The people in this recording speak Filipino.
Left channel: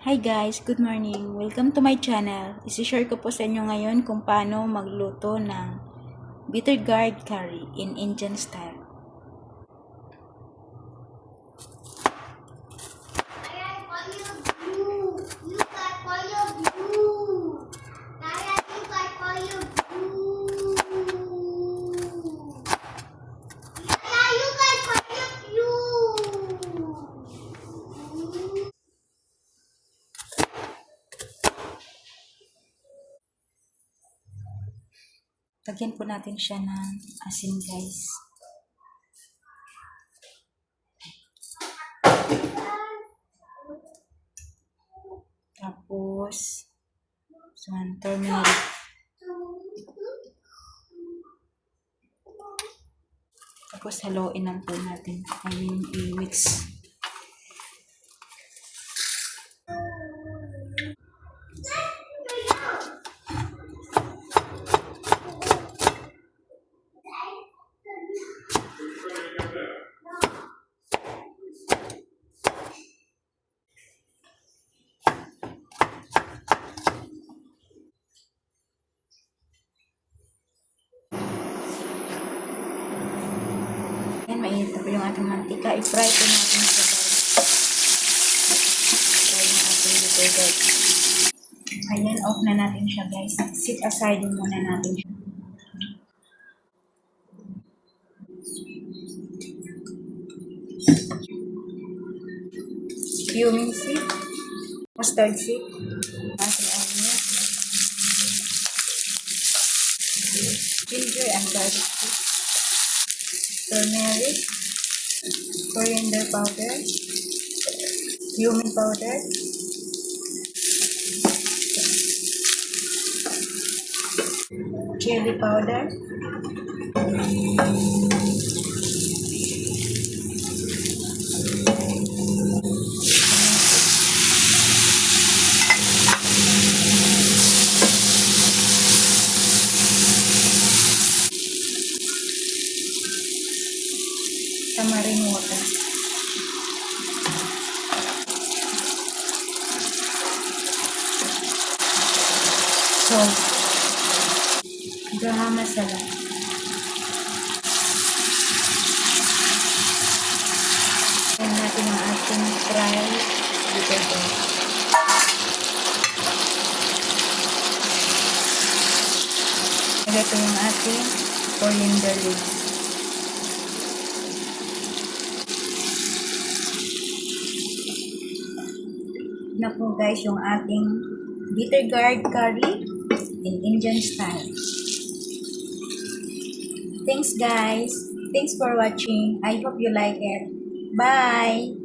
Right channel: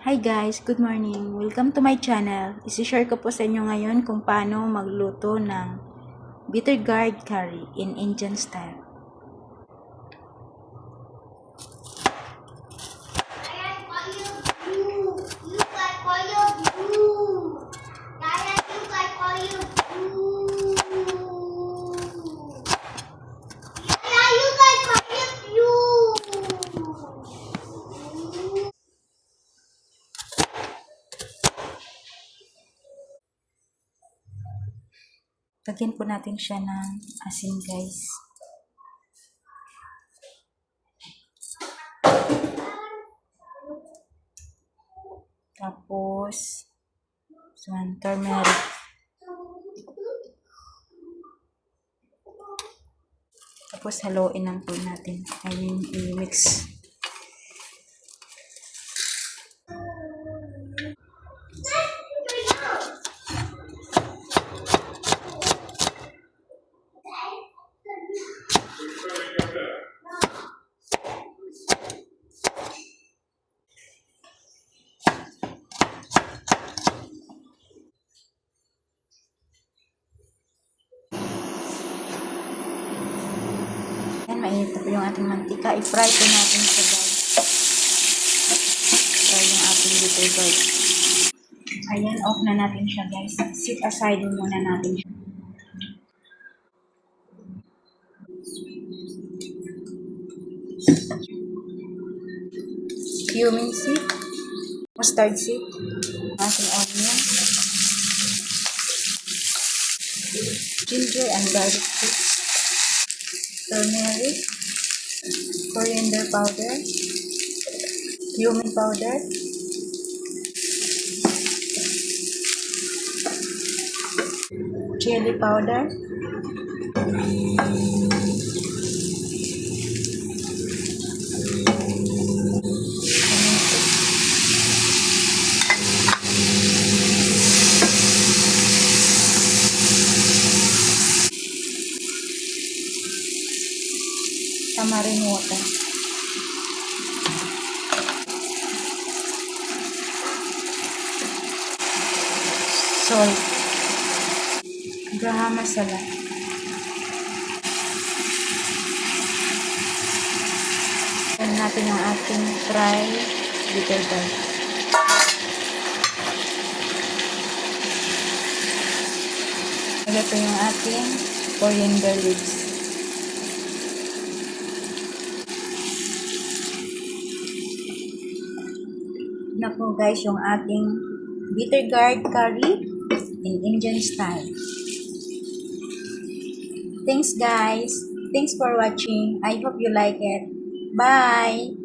Hi guys, good morning. Welcome to my channel. Isi-share ko po sa inyo ngayon kung paano magluto ng bitter gourd curry in Indian style. Lagyan po natin siya ng asin guys. Tapos, turmeric. Tapos haluin lang po natin. I-mix. Ayan, mainit na po yung ating mantika. I-fry po natin siya guys. Fry yung ating bitter gourd. Ayan, off na natin siya guys. Sit aside muna natin siya. Cumin seed, mustard seed, ating onion, ginger and garlic paste, turmeric, coriander powder, cumin powder, chili powder, tamarind water. Salt, garam masala. Ayan natin ang ating fried bitter gourd. Ito yung ating coriander leaves. Na po guys yung ating bitter gourd curry in Indian style. Thanks guys. Thanks for watching. I hope you like it. Bye.